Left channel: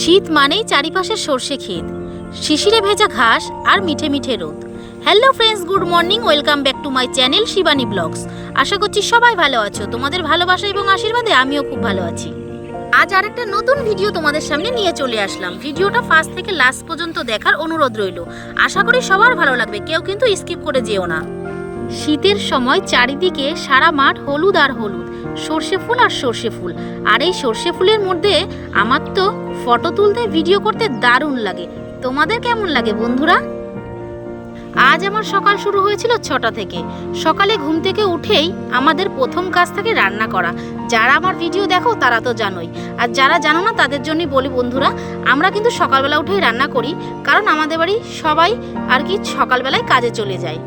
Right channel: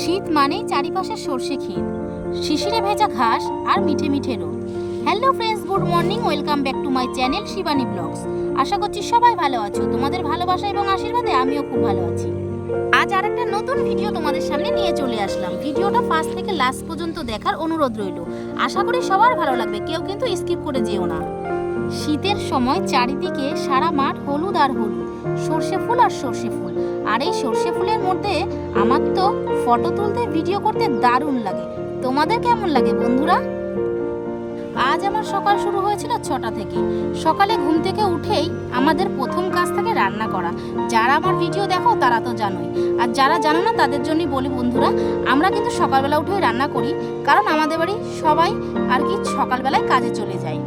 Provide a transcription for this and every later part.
শীত মানেই চারিপাশে সর্ষে ক্ষেত, শিশিরে ভেজা ঘাস আর মিঠে মিঠে রোদ। Hello friends, good morning, welcome back to my channel Shivani blogs. আশা করছি সবাই ভালো আছো। তোমাদের ভালোবাসা এবং আশীর্বাদে আমিও খুব ভালো আছি। আজ আর একটা নতুন ভিডিও তোমাদের সামনে নিয়ে চলে আসলাম। ভিডিওটা ফার্স্ট থেকে লাস্ট পর্যন্ত দেখার অনুরোধ রইল। আশা করি সবার ভালো লাগবে, কেউ কিন্তু স্কিপ করে যেও না। শীতের সময় চারিদিকে সারা মাঠ হলুদ আর হলুদ, সর্ষে ফুল আর সর্ষে ফুল। আর এই সর্ষে ফুলের মধ্যে আমার তো ফটো তুলতে, ভিডিও করতে দারুণ লাগে। তোমাদের কেমন লাগে বন্ধুরা? আজ আমার সকাল শুরু হয়েছিল 6টা থেকে। সকালে ঘুম থেকে উঠেই আমাদের প্রথম কাজ থাকে রান্না করা। যারা আমার ভিডিও দেখো তারা তো জানোই, আর যারা জানো না তাদের জন্যই বলি বন্ধুরা, আমরা কিন্তু সকালবেলা উঠেই রান্না করি, কারণ আমাদের বাড়ি সবাই আর কি সকালবেলায় কাজে চলে যায়।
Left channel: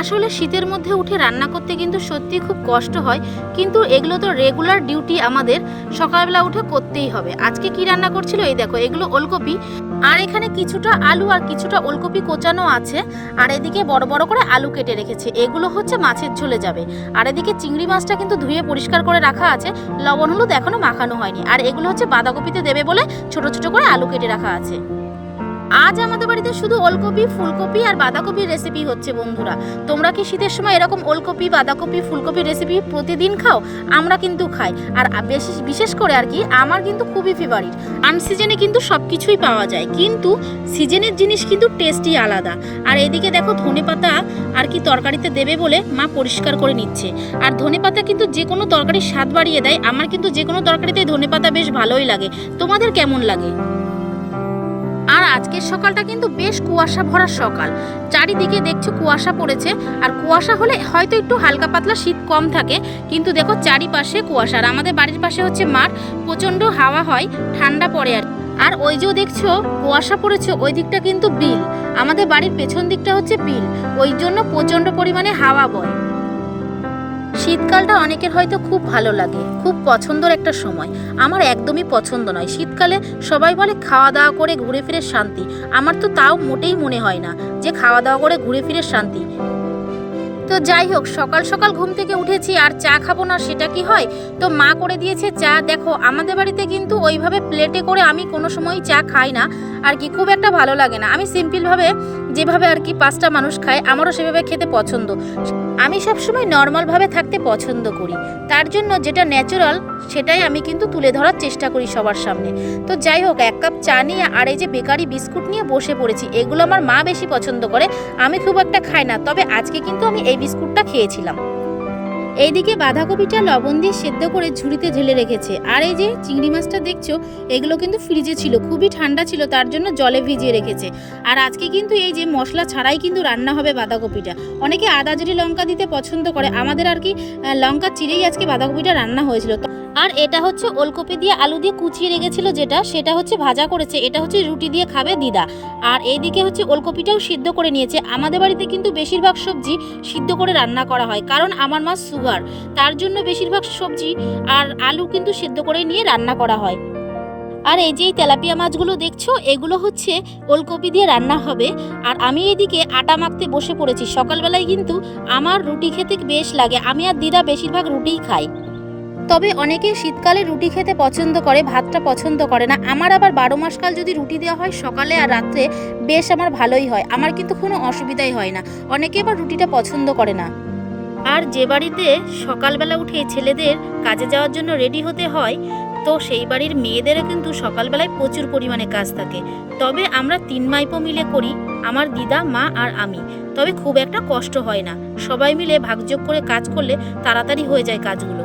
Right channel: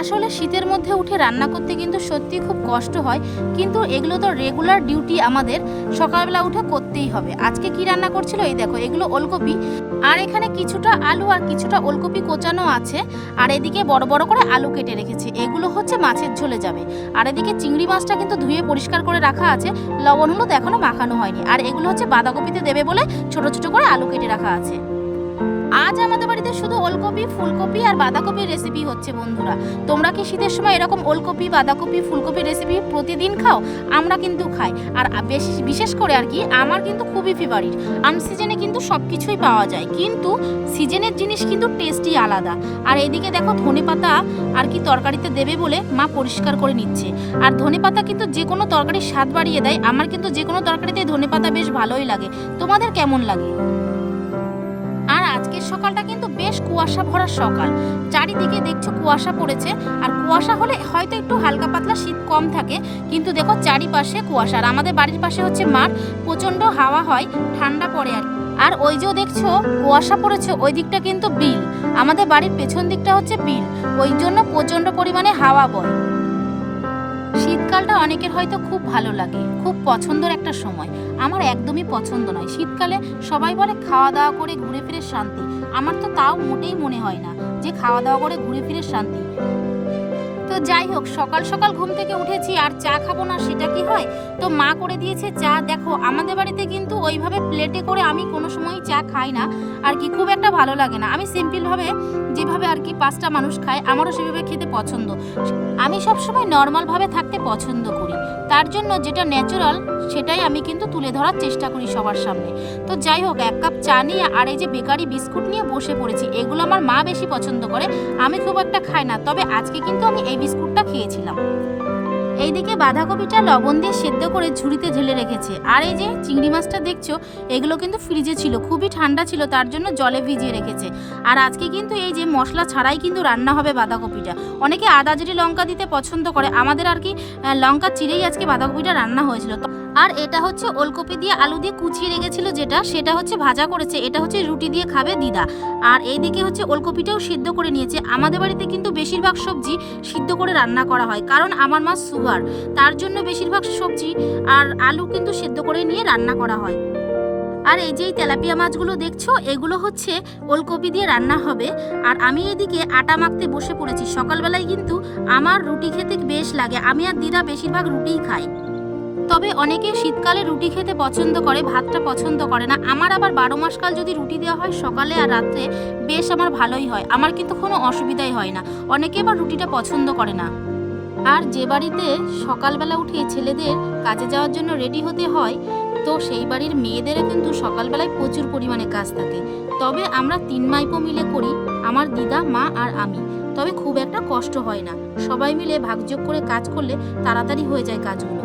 আসলে শীতের মধ্যে উঠে রান্না করতে কিন্তু সত্যি খুব কষ্ট হয়, কিন্তু এগুলো তো রেগুলার ডিউটি, আমাদের সকালবেলা উঠে করতেই হবে। আজকে কি রান্না করছিল, এই দেখো, এগুলো ওলকপি, আর এখানে কিছুটা আলু আর কিছুটা ওলকপি কোচানো আছে, আর এদিকে বড় বড় করে আলু কেটে রেখেছে। এগুলো হচ্ছে মাছের ঝোলে যাবে। আর এদিকে চিংড়ি মাছটা কিন্তু ধুয়ে পরিষ্কার করে রাখা আছে, লবণ হলুদ এখনো মাখানো হয়নি। আর এগুলো হচ্ছে বাঁধাকপিতে দেবে বলে ছোট ছোট করে আলু কেটে রাখা আছে। আজ আমাদের বাড়িতে শুধু ওলকপি, ফুলকপি আর বাঁধাকপির রেসিপি হচ্ছে বন্ধুরা। তোমরা কি শীতের সময় এরকম ওলকপি, বাঁধাকপি, ফুলকপির রেসিপি প্রতিদিন খাও? আমরা কিন্তু খাই, আর বিশেষ করে আর কি আমার কিন্তু খুবই ফেভারিট। আনসিজনে কিন্তু সব কিছুই পাওয়া যায়, কিন্তু সিজনের জিনিস কিন্তু টেস্টই আলাদা। আর এদিকে দেখো, ধনেপাতা আর কি তরকারিতে দেবে বলে মা পরিষ্কার করে নিচ্ছে। আর ধনেপাতা কিন্তু যে কোনো তরকারির স্বাদ বাড়িয়ে দেয়। আমার কিন্তু যে কোনো তরকারিতেই ধনেপাতা বেশ ভালোই লাগে। তোমাদের কেমন লাগে? আর আজকের সকালটা কিন্তু বেশ কুয়াশা ভরা সকাল। চারিদিকে দেখছো কুয়াশা পড়েছে, আর কুয়াশা হলে হয়তো একটু হালকা পাতলা শীত কম থাকে, কিন্তু দেখো চারিপাশে কুয়াশা। আর আমাদের বাড়ির পাশে হচ্ছে মাঠ, প্রচণ্ড হাওয়া হয়, ঠান্ডা পড়ে আর ওই যে দেখছো কুয়াশা পড়েছে, ওই দিকটা কিন্তু বিল। আমাদের বাড়ির পেছন দিকটা হচ্ছে বিল, ওই জন্য প্রচণ্ড পরিমাণে হাওয়া বয়। শীতকালটা অনেকের হয়তো খুব ভালো লাগে, খুব পছন্দের একটা সময়। আমার একদমই পছন্দ নয়। শীতকালে সবাই বলে খাওয়া দাওয়া করে ঘুরে ফিরে শান্তি। আমার তো তাও মোটেই মনে হয় না যে খাওয়া দাওয়া করে ঘুরে ফিরে শান্তি। তো যাই হোক, সকাল সকাল ঘুম থেকে উঠেছি, আর চা খাবো না সেটা কি হয়? তো মা করে দিয়েছে চা। দেখো, আমাদের বাড়িতে কিন্তু ওইভাবে প্লেটে করে আমি কোনো সময় চা খাই না, আর কি খুব একটা ভালো লাগে না। আমি সিম্পলভাবে যেভাবে আর কি 5টা মানুষ খায়, আমারও সেভাবে খেতে পছন্দ। আমি সবসময় নর্মালভাবে থাকতে পছন্দ করি, তার জন্য যেটা ন্যাচারাল সেটাই আমি কিন্তু তুলে ধরার চেষ্টা করি সবার সামনে। তো যাই হোক, 1 কাপ চা নিয়ে আর এই যে বেকারি বিস্কুট নিয়ে বসে পড়েছি। এগুলো আমার মা বেশি পছন্দ করে, আমি খুব একটা খাই না, তবে আজকে কিন্তু আমি এই বিস্কুটটা খেয়েছিলাম। এইদিকে বাঁধাকপিটা লবণ দিয়ে সেদ্ধ করে ঝুড়িতে ঢেলে রেখেছে। আর এই যে চিংড়ি মাছটা দেখছো, এগুলো কিন্তু ফ্রিজে ছিল, খুবই ঠান্ডা ছিল, তার জন্য জলে ভিজিয়ে রেখেছে। আর আজকে কিন্তু এই যে মশলা ছাড়াই কিন্তু রান্না হবে বাঁধাকপিটা। অনেকে আদা জিরে লঙ্কা দিতে পছন্দ করে, আমাদের আর কি লঙ্কা চিরেই আজকে বাঁধাকপিটা রান্না হয়েছিল। আর এটা হচ্ছে ওলকপি দিয়ে আলু দিয়ে কুচিয়ে রেখেছিল, সেটা হচ্ছে ভাজা করেছে। এটা হচ্ছে রুটি দিয়ে খাবে দিদা। আর এইদিকে হচ্ছে ওলকপিটাও সিদ্ধ করে নিয়েছে। আমাদের বাড়িতে কিন্তু বেশিরভাগ সবজি সিদ্ধ করে রান্না করা হয়, কারণ আমার মা সুগার, তার জন্য বেশিরভাগ সবজি আর আলু কিন্তু সিদ্ধ করে নিয়ে রান্না করা হয়। আর এই যে তেলাপিয়া মাছগুলো দেখছো, এগুলো হচ্ছে ওলকপি দিয়ে রান্না হবে। আর আমি এইদিকে আটা মাখতে বসে পড়েছি। সকালবেলায় কিন্তু আমার রুটি খেতে বেশ লাগে, আমি আর দিদা বেশিরভাগ রুটিই খাই। তবে অনেকে শীতকালে রুটি খেতে পছন্দ করে, ভাতটা পছন্দ করে না। আমার আবার 12 মাসকাল যদি রুটি দেওয়া হয় সকালে আর রাত্রে, বেশ আমার ভালোই হয়, আমার কিন্তু কোনো অসুবিধাই হয় না। অনেকে আবার রুটিটা পছন্দ করে না। আর যে বাড়িতে সকালবেলা উঠে ছেলেদের কাজে যাওয়ার জন্য রেডি হতে হয়, তো সেই বাড়ির মেয়েদেরও কিন্তু সকালবেলায় প্রচুর পরিমাণে কাজ থাকে। তবে আমরা 3 মাইপো মিলে করি, আমার দিদা, মা আর আমি। তবে খুব একটা কষ্ট হয় না, সবাই মিলে ভাগযোগ করে কাজ করলে তাড়াতাড়ি হয়ে যায় কাজগুলো।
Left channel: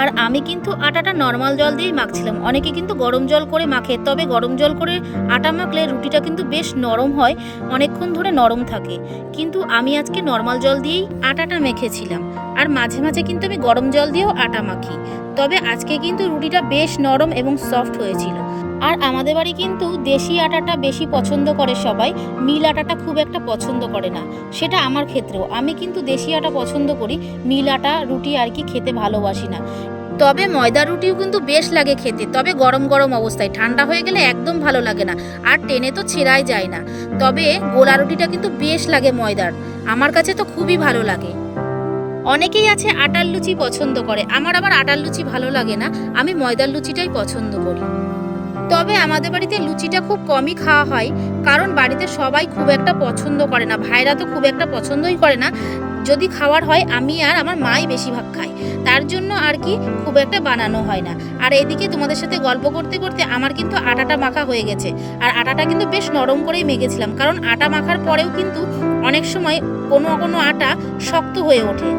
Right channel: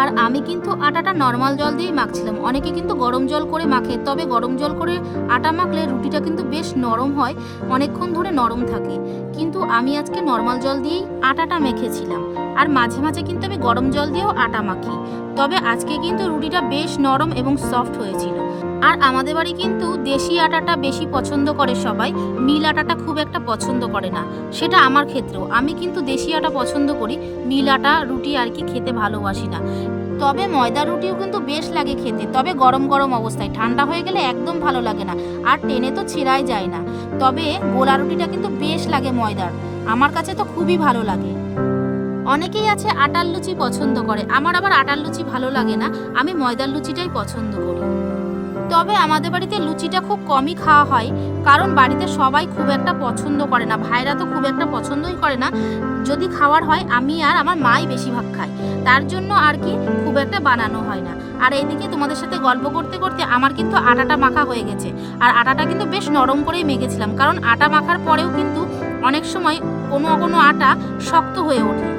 আর আমি কিন্তু আটাটা নর্মাল জল দিয়েই মাখছিলাম। অনেকে কিন্তু গরম জল করে মাখে, তবে গরম জল করে আটা মাখলে রুটিটা কিন্তু বেশ নরম হয়, অনেকক্ষণ ধরে নরম থাকে। কিন্তু আমি আজকে নর্মাল জল দিয়েই আটাটা মেখেছিলাম, আর মাঝে মাঝে কিন্তু আমি গরম জল দিয়েও আটা মাখি। তবে আজকে কিন্তু রুটিটা বেশ নরম এবং সফট হয়েছিল। আর আমাদের বাড়ি কিন্তু দেশি আটাটা বেশি পছন্দ করে সবাই, মিল আটাটা খুব একটা পছন্দ করে না। সেটা আমার ক্ষেত্রেও, আমি কিন্তু দেশি আটা পছন্দ করি, মিল আটা রুটি আর কি খেতে ভালোবাসি না। তবে ময়দা রুটিও কিন্তু বেশ লাগে খেতে, তবে গরম গরম অবস্থায়, ঠান্ডা হয়ে গেলে একদম ভালো লাগে না, আর টেনে তো ছেঁড়াই যায় না। তবে গোলা রুটিটা কিন্তু বেশ লাগে ময়দার, আমার কাছে তো খুবই ভালো লাগে। অনেকেই আছে আটার লুচি পছন্দ করে, আমার আবার আটার লুচি ভালো লাগে না, আমি ময়দার লুচিটাই পছন্দ করি। তবে আমাদের বাড়িতে লুচিটা খুব কমই খাওয়া হয়, কারণ বাড়িতে সবাই খুব একটা পছন্দ করে না, ভাইরা তো খুব একটা পছন্দই করে না। যদি খাওয়ার হয় আমি আর আমার মাই বেশিরভাগ খায়, তার জন্য আর কি খুব একটা বানানো হয় না। আর এদিকে তোমাদের সাথে গল্প করতে করতে আমার কিন্তু আটাটা মাখা হয়ে গেছে। আর আটাটা কিন্তু বেশ নরম করেই মেখেছিলাম, কারণ আটা মাখার পরেও কিন্তু অনেক সময় কোনো কোনো আটা শক্ত হয়ে ওঠে।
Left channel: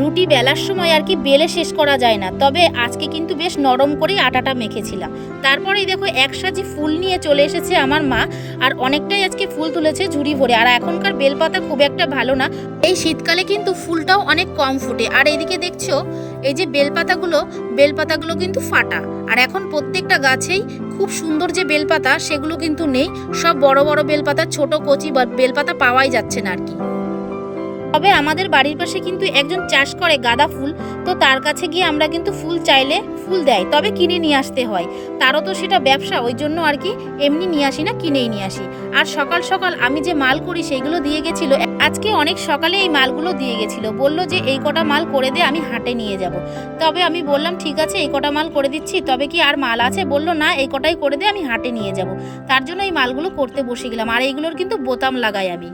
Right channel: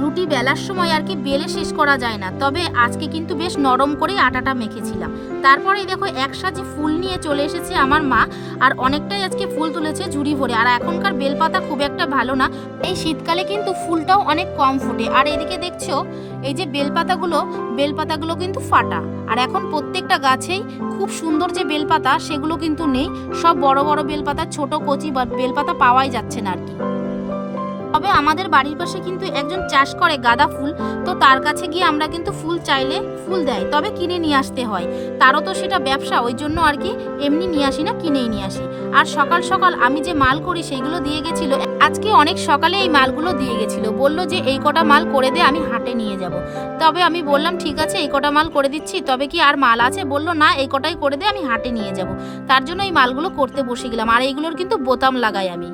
রুটি বেলার সময় আর কি বেলে শেষ করা যায় না, তবে আজকে কিন্তু বেশ নরম করেই আটাটা মেখেছিলাম। তারপরেই দেখো এক সাজি ফুল নিয়ে চলে এসেছে আমার মা, আর অনেকটাই আজকে ফুল তুলেছে ঝুড়ি ভরে। আর এখনকার বেলপাতা খুব একটা ভালো না, এই শীতকালে কিন্তু ফুলটাও অনেক কম ফোটে। আর এইদিকে দেখছো এই যে বেলপাতাগুলো কিন্তু ফাটা। আর এখন প্রত্যেকটা গাছেই খুব সুন্দর যে বেলপাতা সেগুলো কিন্তু নেই, সব বড় বড় বেলপাতা, ছোট কচি বেলপাতা পাওয়াই যাচ্ছে না আর কি। তবে আমাদের বাড়ির পাশে কিন্তু একজন চাষ করে গাঁদা ফুল, তো তার কাছে গিয়ে আমরা কিন্তু ফুল চাইলে ফুল দেয়, তবে কিনে নিয়ে আসতে হয়। তারও তো সেটা ব্যবসা, ওই জন্য আর কি এমনি নিয়ে আসি না, কিনেই নিয়ে আসি। আর সকাল সকাল আমি যে মাল করি সেইগুলো দিয়ে গেছিলো, আজকে অনেক সকালে এই মালগুলো দিয়ে গেছিলো, বললো যে এই কটা মাল করে দে, আমি হাটে নিয়ে যাব। তবে আমি বললাম ঠিক আছে এই কটা মাল করে দিচ্ছি, তবে কি আর মাল আছে? বললো না এই কটাই করে দে, আমি হাটে নিয়ে যাব। তার জন্য এই মালগুলো করতে বসে গেলাম। আর এইগুলোর কিন্তু বোতাম লাগাই আমি।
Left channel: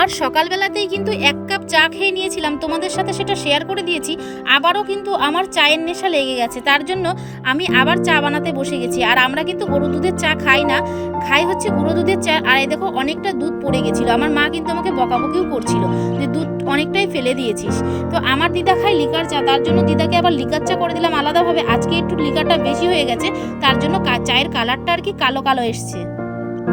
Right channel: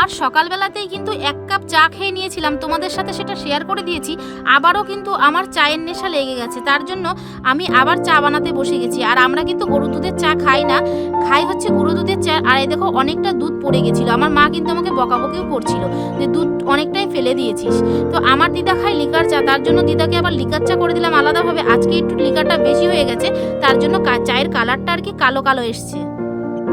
আর সকালবেলাতেই কিন্তু 1 কাপ চা খেয়ে নিয়েছিলাম, তোমাদের সাথে সেটা শেয়ার করে দিয়েছি। আবারও কিন্তু আমার চায়ের নেশা লেগে গেছে, তার জন্য আমি আবার চা বানাতে বসে গেছি। আর আমরা কিন্তু গরু দুধের চা খাই না, খাই হচ্ছে গুঁড়ো দুধের চা। আর এই দেখো অনেকটা দুধ পড়ে গেছিলো, আমার মা কিন্তু আমাকে বকাবকিও করছিল যে দুধ অনেকটাই ফেলে দিয়েছিস। তো আমার দিদা খায় লিকার চা, তার জন্য দিদাকে আবার লিকার চা করে দিলাম আলাদাভাবে। আজকে একটু লিকারটা বেশি হয়ে গেছে, তার জন্য চায়ের কালারটা আর কি কালো কালো এসছে।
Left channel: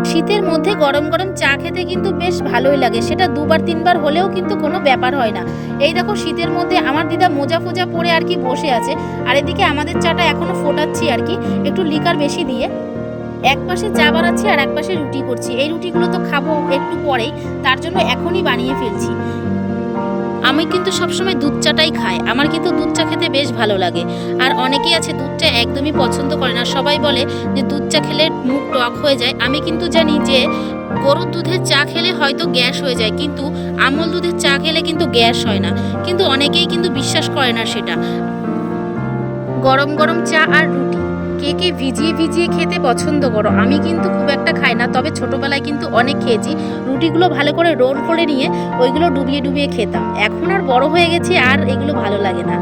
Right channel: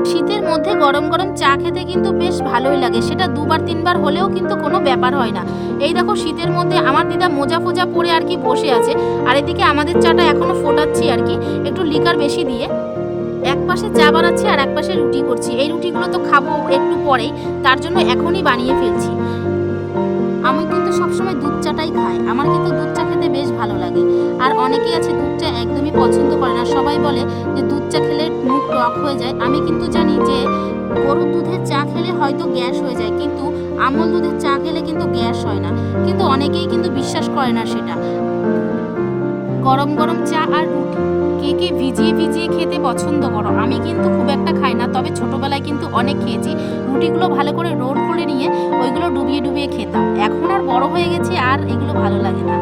শীতের মধ্যে গরম গরম চা খেতে কিন্তু বেশ ভালোই লাগে, সেটা 2-3বার হলেও কিন্তু কোনো ব্যাপার হয় না। এই দেখো শীতের মধ্যে আমার দিদা মোজা ফোজা পরে আর কি বসে আছে, আর এদিকে আমাদের চাটা এখনো ফোটাচ্ছি আর কি একটু লিকার বেশি দিয়ে। এক পাশে চা বানাচ্ছি আর এক পাশে রুটি করছি। এই রুটিগুলো তো খাবো একটু পরেই, তার জন্য এখনই বানিয়ে ফেলছি। আমি কিন্তু সবসময় দুধ চাটাই খাই, আমার কিন্তু দুধ চা খেতে বেশ ভালো লাগে। আর অনেকেই আছে দুধ চা একদমই পছন্দ করে না, সবাই বলে যে দুধ চা খেলে মুখ টক হয়ে যায়। আমি কিন্তু জানি যে গরুর দুধের চা খেলে হয়তো গ্যাস হয়ে যায়, কিন্তু আমল দুধের চা খেলে কিন্তু গ্যাস হয় না। কিন্তু অনেকেই কিন্তু বিশ্বাস করে না সেটা। গরম গরম চা আর রুটি কে কে ভিজিয়ে ভিজিয়ে খেতে পছন্দ করো? আমি কিন্তু খুব একটা খাই না, তবে ছোটবেলায় কিন্তু অনেক খেয়েছি। রুটিগুলো ভালো করে রোল করে নিয়ে ওইগুলো ডুবিয়ে ডুবিয়ে খেতাম। এখন আর বড় হয়ে গেছি, আর এগুলো ভালো লাগে না।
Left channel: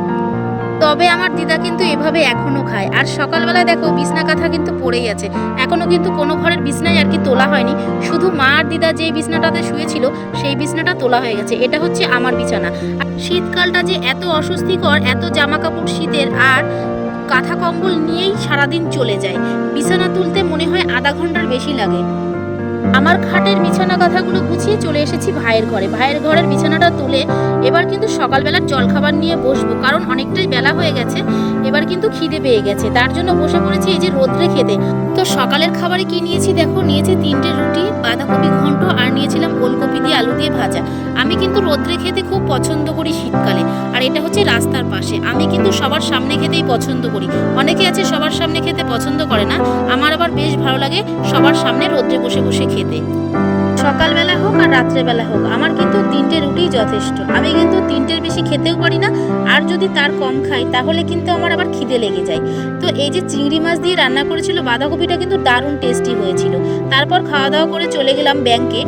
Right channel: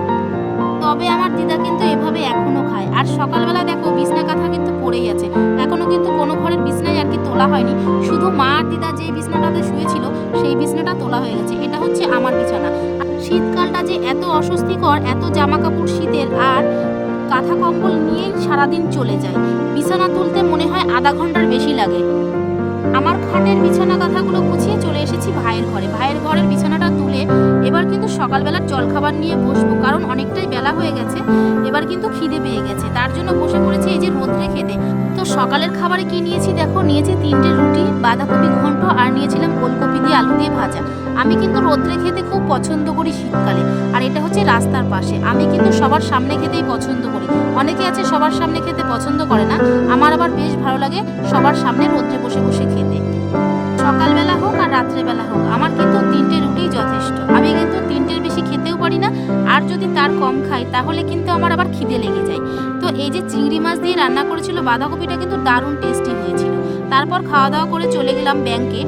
তবে আমার দিদা কিন্তু এভাবে এখনো খায়। আর সকালবেলা দেখো বিছনা কাঁথা কিন্তু পড়েই আছে, এখনো কিন্তু কোনো ঘরের বিছনায় আর কি তোলা হয়নি। শুধু মা আর দিদা যে বিছনাটাতে শুয়েছিল সেই বিছনাটা তোলা হয়ে গেছে, এটা হচ্ছে আমার বিছানা। শীতকালটা যে এত অস্বস্তিকর, এত জামা কাপড় শীতের, আর কাঁথা কম্বল নিয়েই সারাদিন চলে যায়। বিছানা তুলতে মনে হয় আধা ঘন্টার বেশি লাগে। আমার খাটের বিছানা কাঁথাগুলো গুছিয়ে চলে এসেছি ভাইয়ের ঘরে। ভাইয়ের ঘরের বিছানাটা তুলে এবার কিন্তু সকালবেলার জলখাবার নিয়ে বসবো, কারণ অনেকটাই বেলা হয়ে গেছে, এবার কিন্তু খিদে পেয়ে গেছে। তার জন্য বসে পড়েছি এই যে রোদ্রে খেতে। তো সকালের খাবারে কি নিয়েছি দেখো, নিয়েছি 3টে রুটি, বাঁধাকপি ঘন্ট, আর নিয়েছিলাম ওলকপি দিয়ে আলু দিয়ে ভাজা। আমি কিন্তু রোদ্রে খেতে খুব পছন্দ করি শীতকালে। আর এটা হচ্ছে রাস্তার পাশে, আমি কিন্তু সবার সামনে খেতেই পছন্দ করি। অনেকে আছে সবার সামনে খেতে পছন্দ করে না, আমার আবার বেশ ভালো লাগে সবার সামনে রোদ্রে বসে বসে খেতে। সকালবেলা হোক আর রাত্রেবেলা হোক আমার কিন্তু 3টে রুটিই যথেষ্ট। আমি কিন্তু 3টের বেশি খেতেও পারি না, আর যদি তার কম খাই তাহলে কিন্তু আমার আবার খিদে লেগে যায়। তো এই যে চিংড়ি মাছ দিয়ে রান্না করেছিল, বাঁধাকপিটা কিন্তু দারুণ টেস্টি হয়েছিল। তারপর খাওয়া দাওয়া করে চলে গেলাম ব্যাংকে।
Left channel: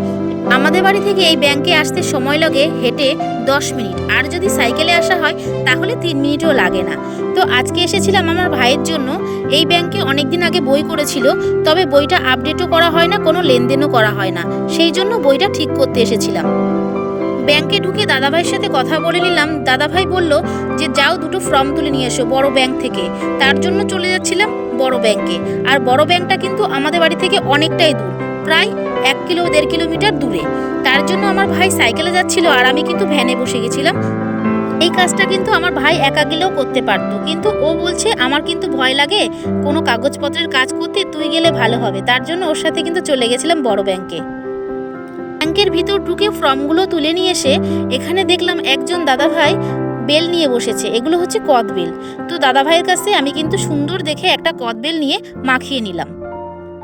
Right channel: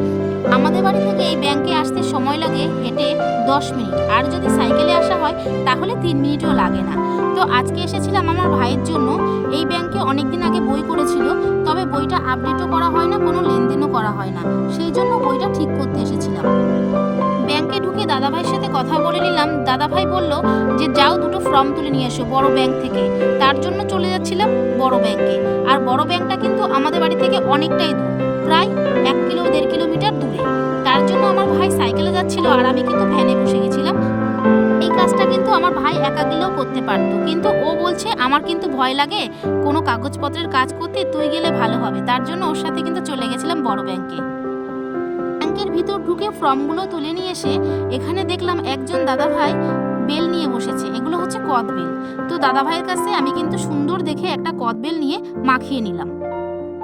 আমাদের বাড়ি থেকে এই ব্যাংকে আসতে সময় লাগে হেঁটে 10 মিনিট, আর যদি সাইকেলে আসা হয় তাহলে 3 মিনিটও লাগে না। তো আজকে এসেছিলাম আমার ভাইয়ের জন্য। এই ব্যাংকে অনেকদিন আগে বই করেছিল, তবে বইটা আপডেটও করা হয় না, কোনো লেনদেনও করা হয় না, সেই জন্য বইটা ঠিক করতে এসেছিলাম। ব্যাংকে ঢুকে দাদাভাইয়ের সাথে কথা বলে নিলাম। দাদাভাই বলল যে যাও 2টো ফর্ম তুলে নিয়ে এসো বড় ব্যাংক থেকে। তার জন্য চলে যাচ্ছিলাম বড় ব্যাংকে। আর বড় ব্যাংকটা কিন্তু আমাদের বাড়ি থেকে অনেকটাই দূর, প্রায় 1-1.5 কিলোমিটার দূরে। তার জন্য আমার ভাই সাইকেলে যাচ্ছিল আর আমি কিন্তু ভ্যানে বসে গেছিলাম। এই কাজটা কিন্তু আমার ভাই একা গেলেও করতে পারতো, কিন্তু ও বলছে আমার কিন্তু ভয় লাগে কোনো কাগজপত্রের কাজ করতে, তুই গেলে ভালো হবে। তার জন্য ওর সাথে কিন্তু চলে গেছিলাম বড় ব্যাংকে। ব্যাংকের ভিতর ঢুকে ফর্মগুলো তুলে নিয়ে এসে এখানে দেখলাম একজন দাদাভাই বেল নিয়ে বসেছে, এগুলো হচ্ছে কদবেল। তো দাদাভাইয়ের কাছে আমি কিন্তু সুন্দর দেখে একটা কদবেল নিয়ে মাখিয়ে নিলাম।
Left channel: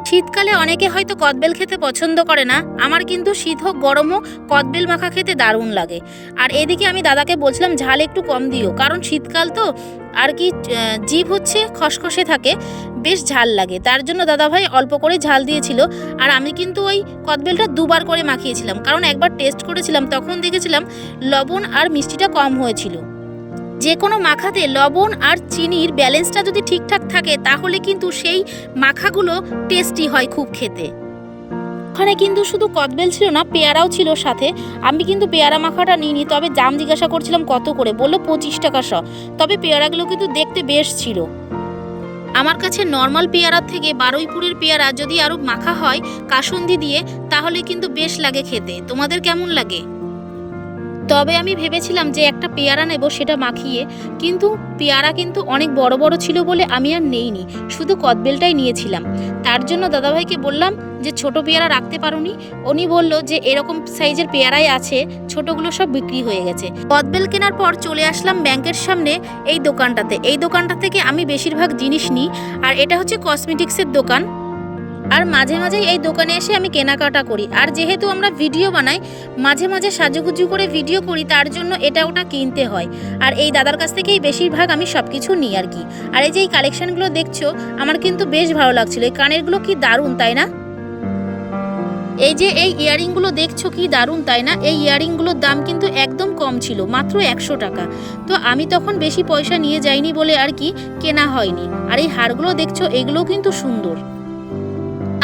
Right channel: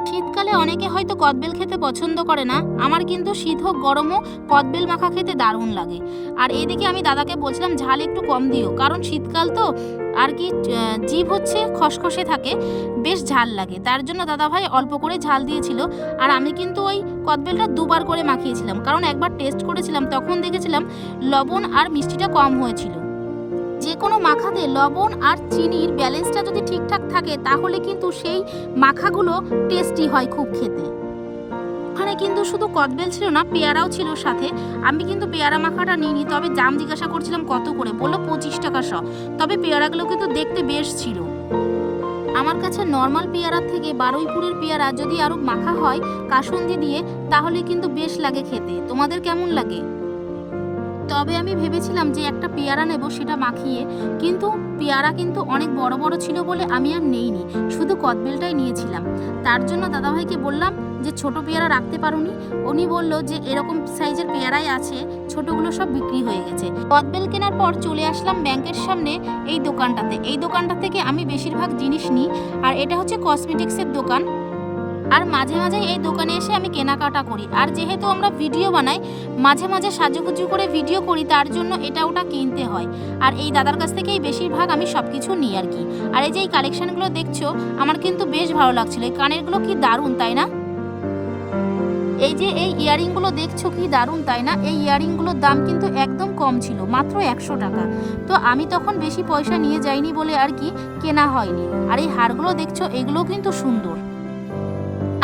শীতকালে অনেকে হয়তো কদবেল খেতে পছন্দ করে না, আমার কিন্তু শীত হোক গরম হোক কদবেল মাখা খেতে দারুণ লাগে। আর এদিকে আমি দাদাকে বলছিলাম ঝাল একটু কম দিও, কারণ শীতকাল তো আর কি জিভ হচ্ছে খসখসে থাকে, বেশ ঝাল লাগে, তার জন্য দাদাভাই অল্প করে ঝাল দিয়েছিল। আর আমি কিন্তু ওই কদবেলটা দুবার করে মাখিয়েছিলাম, কারণ একবার টেস্ট করেছিলাম তখন দেখেছিলাম লবণ আর মিষ্টিটা কম হয়েছিল। যে কোনো মাখাতে লবণ আর চিনির ব্যালেন্সটা যদি ঠিকঠাক থাকে তাহলে কিন্তু সেই মাখাগুলো টেস্টি হয় খুব খেতে। ওখানে কিন্তু শুধু কদবেল ছিল না, পেয়ারাও ছিল সাথে। আমি কিন্তু পেয়ারা মাখাটা নিইনি, তবে দাম জিজ্ঞাসা করছিলাম কত করে, বললো 25 টাকা শ। তবে পেয়ারাগুলো কিন্তু দেখতে বেশ ছিল। আমার কাছে নর্মাল পেয়ারার থেকে বারুইপুরের পেয়ারা যদি আরও মাখা হয় কাসুন্দি দিয়ে তাহলে কিন্তু বেশ লাগে খেতে। তোমাদের কেমন লাগে? তবে আমি ভেবেছিলাম যে একটা পেয়ারা নেব সেটা মাখিয়ে, কিন্তু পেয়ারা কিন্তু অনেক বড় বড় ছিল বলে আমি আর নেইনি, শুধু কদবেলটাই নিয়েছিলাম। তার জন্য দাদাভাইকে বললাম যে ছোট পেয়ারা রাখতে পারোনি? উনি বলল যে এরকম সাইজের পেয়ারাই আছে, ছোটগুলো সব বিক্রি হয়ে গেছে। কদবেল কেনার পর চলে আসলাম ব্যাংকের সামনে এই দোকানটাতে। এই দোকানটা থেকে আমি বেশিরভাগ জিনিস নিই, আর এটা হচ্ছে কসমেটিক্সের দোকান। আর মাঝে মাঝেই এই দোকানে এসে আমি কেনাকাটা করি। আর যেহেতু আমরা ভিডিও বানাই, মাঝে মাঝে সাজুগুজু করে ভিডিও করি, তার জন্য এটা ওটা কিনতে হয়। আর এই দাদার কাছ থেকেই বেশিরভাগ আমি সব কিছু নিই আর কি। আর এই যে এই কালেকশানগুলো দেখছো আমার কিন্তু বেশ ভালো লাগছিলো। এই কানেরগুলো কি দারুণ, তাই না? এই যে এই ইয়ারিংগুলো দেখছো কি দারুণ, তাই না? এই ইয়ারিংগুলোর দাম কিন্তু একদম কম ছিল, মাত্র 100 টাকা। তো আমি তখন বেশি পয়সা নিয়ে যাইনি বলে আর কি কেনা হয়নি। আর এই হারগুলো দেখছো, এগুলোও কিন্তু সুন্দর।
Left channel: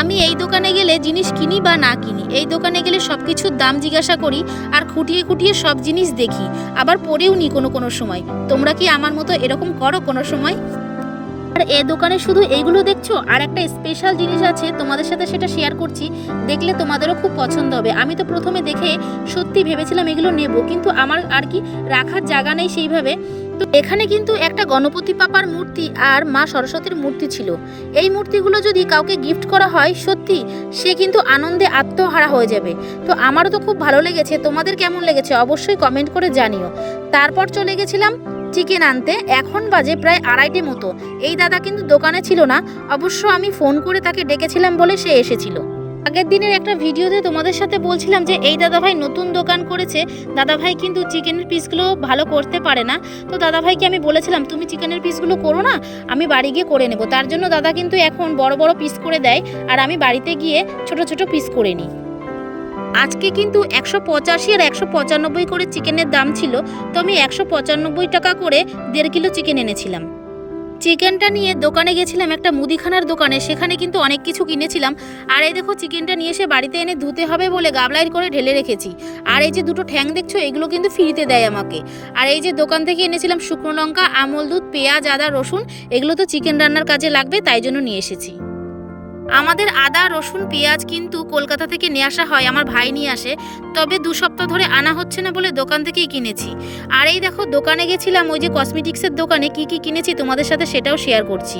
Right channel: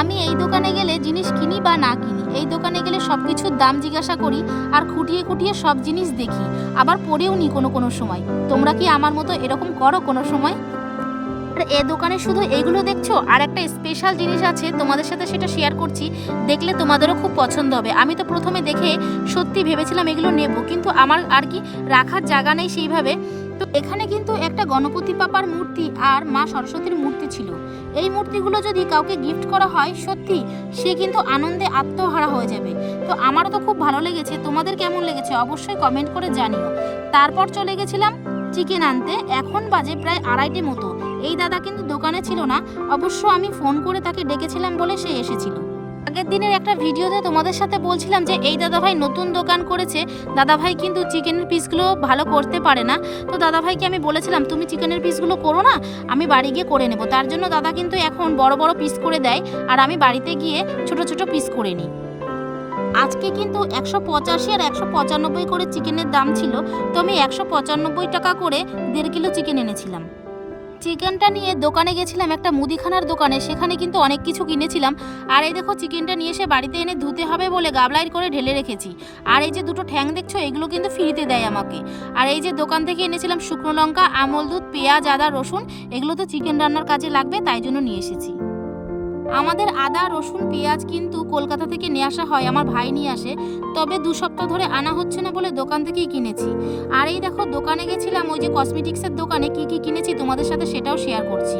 আমি এই দোকানে গেলে জিনিস কিনি বা না কিনি, এই দোকানে গেলে সব কিছুর দাম জিজ্ঞাসা করি আর খুঁটিয়ে খুঁটিয়ে সব জিনিস দেখি, আবার পরেও নিই কোনো সময়। তোমরা কি আমার মতো এরকম করো কোনো সময়? আর এই দোকানে শুধু এইগুলো দেখছো, আর একটা স্পেশাল জিনিস আছে তোমাদের সাথে, সেটা শেয়ার করছি, দেখলে তোমাদেরও খুব পছন্দ হবে। আমি তো প্রথমে দেখে সত্যি ভেবেছিলাম এগুলো নেব, কিন্তু আমার আর কি রাখার জায়গা নেই সেইভাবে। তো এখানে কিন্তু একটা গণপতি পাপার মূর্তি আর মা সরস্বতীর মূর্তি ছিল। এই মূর্তিগুলো যদি কাউকে গিফট করা হয় সত্যি সে কিন্তু আনন্দে আত্মহারা হয়ে যাবে। তো আমারও তো খুব ভালো লেগেছে, তোমাদের কেমন লেগেছে অবশ্যই কমেন্ট করে জানিও। তারপর চলে গেছিলাম চিকেন আনতে, এখন বাজে প্রায় 2:30 মতো। এই দাদা কিন্তু দোকানে ছিল না, অবশ্য আমি ফোন করে তাকে ডেকেছিলাম বলে সে এসেছিল। আগের দিনের একটা ভিডিওতে তোমাদের সাথে বলছিলাম যে এই দাদাভাই নতুন দোকান করেছে, দাদাভাই কিন্তু চিকেনের পিসগুলো ভালো করতে পারে না। তো দাদাভাইকে আমি বলেছিলাম তুমি চিকেনের পিসগুলো করো না, আমি বাড়ি গিয়ে করে নেব। তার জন্য দাদা কিন্তু এখন বড় বড় পিস করে দেয়, আর আমি বাড়িতে গিয়ে ছোট ছোট পিস করে নিই। আজকে কিন্তু 185 আর 195 করে চিকেনের দাম ছিল, তো আমি 195 টাকা করে 1.5 কিলো চিকেন এনেছিলাম। চিকেনটা নিয়ে দোকানে গেছিলাম একটা মুদিখানার দোকানে, সেখানে কিন্তু অনেক কিছু কিনেছিলাম। আর এই দেখো চিকেনটা নিয়ে এসে বাড়িতে এনে ধুতে হবে বলে গাবলাইট করে ঢেলে রেখেছি। আর এই যে দুটো ঠ্যাং দেখছো, এগুলো কিন্তু ফ্রিতে দেয় আমাকে। আর এই যে দোকান থেকে এনেছিলাম শুকনো লঙ্কা, আমল দুধ, পেঁয়াজ, আদা, রসুন, এগুলো তো চিকেন রান্নার কাজে লাগবে, তাই জন্য নিয়ে এসেছি। আমাদের আদা, রসুন, পেঁয়াজ কিন্তু কলকাতা থেকে নিয়ে আসা হয়, আমার ভাই নিয়ে আসে, তবে 2 সপ্তাহ ধরে আনা হচ্ছে না বলে দোকান থেকেই কিনেছি। আর এই দেখো দোকানে গেছিলাম, ওই যে কসমেটিক্সের দোকানে কি কি কিনেছি তোমাদের সাথে সেটাও শেয়ার করছি।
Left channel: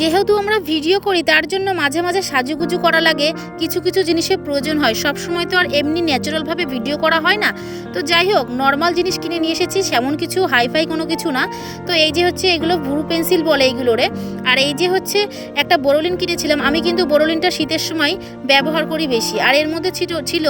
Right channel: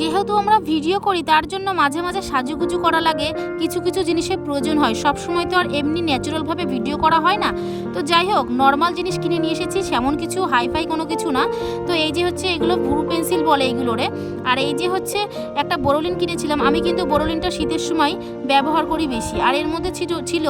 যেহেতু আমরা ভিডিও করি তার জন্য মাঝে মাঝে সাজুগুজু করা লাগে, কিছু কিছু জিনিসের প্রয়োজন হয়, সব সময় তো আর এমনি ন্যাচারালভাবে ভিডিও করা হয় না। তো যাই হোক নর্মাল জিনিস কিনে নিয়ে এসেছি, সেমন কিছু হাইফাই কোনো কিছু না। তো এই যে হচ্ছে এগুলো ব্রু পেন্সিল বলে এইগুলোরে। আর এই যে হচ্ছে একটা বোরোলিন কিনেছিলাম, আমি কিন্তু বোরোলিনটা শীতের সময় ব্যবহার করি বেশি। আর এর মধ্যে ছিল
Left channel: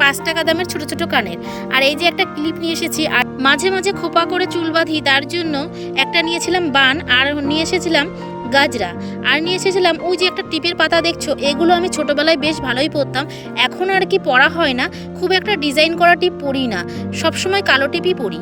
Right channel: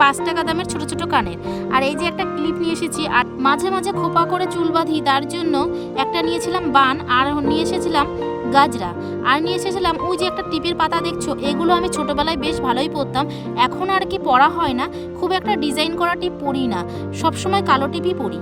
5 টাকা দামের ছোট ছোট কানের। আর এই যে একটা ক্লিপ নিয়ে এসেছি, আর মাঝে মাঝে খোপা করে চুল বাঁধি, তার জন্য একটা নিয়েছিলাম বান, আর নিয়ে এসেছিলাম গাজরা, আর নিয়ে এসেছিলাম ওই যে একটা টিপের পাতা দেখছো, এগুলো আমি ছোটোবেলায় বেশ ভালোই পরতাম, এখন আর কি পরা হয় না, খুব একটা ডিজাইন করা টিপ পরি না, সবসময় কালো টিপই পরি।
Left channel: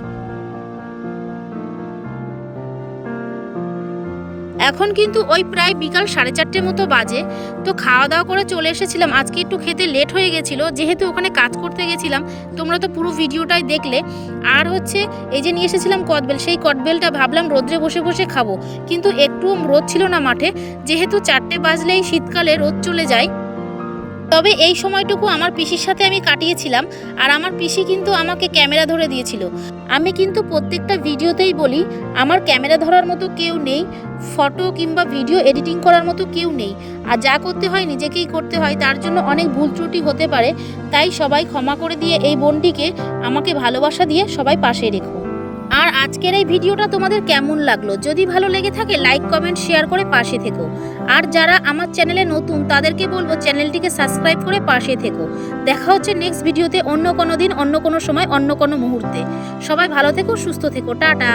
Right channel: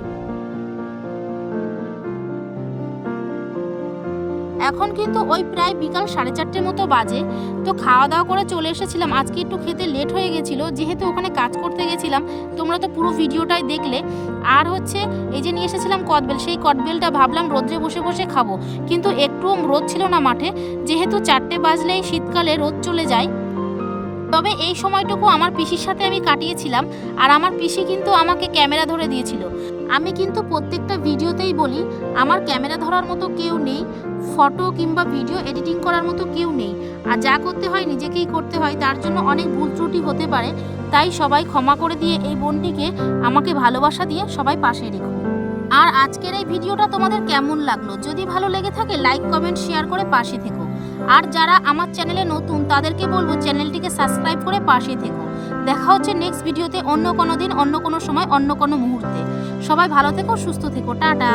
এখন কিন্তু ওই প্রায় বিকাল 4:30 মতো বাজে। তো খাওয়া দাওয়া করে চলে এসেছিলাম, আজকে একটু খেতে লেট হয়ে গেছিলো যেহেতু ওখানে কাজ করতে গেছিলাম, তোমরা তো পুরো ভিডিওটাই দেখলে। আর হচ্ছে এই যে নিয়ে এসেছিলাম কদবেল, সেই কদবেলটা ভাবলাম রোদ্রে বসে বসে খাবো, কিন্তু একটু রোদ ছিল না মাঠে, যেহেতু 4টে বাজলেই শীতকালে রোদ চলে যায়। তবে এই সময়টুকু আমার পিসির সাথে আমি কাটিয়েছিলাম, আর আমার পিসি কিন্তু আমাকে ক্যামেরা ধরে দিয়েছিল। আমি কিন্তু প্রত্যেকটা ভিডিওতেই বলি আমার ক্যামেরা ধরার মতো কেউ নেই, ফটো কিংবা ভিডিও এডিটিং করার মতো কেউ নেই, আর যা করতে হয় নিজেকেই করতে হয়, তার জন্য অনেক ভুল ত্রুটি হতে পারে, তাই সবাই ক্ষমা করে দিয়ে এই বোনটিকে আমাকে ভালোবাসা দিয়ে সবাই পাশে রেখো। আর আজকের এই ভিডিওটা তোমাদের কেমন লাগলো? যদি ভালো লেগে থাকে লাইক, কমেন্ট, শেয়ার করে পাশে থেকো। আর যারা আমার চ্যানেলে নতুন তাদেরকে বলবো চ্যানেলটিকে সাবস্ক্রাইব করে পাশে থেকো। দেখা হচ্ছে নেক্সট ভিডিওতে অন্য কোনো দিন, অন্য কোনো সময়, অন্য কোনো মুহূর্তে। সবাই ভালো থেকো, সুস্থ থেকো, টাটা।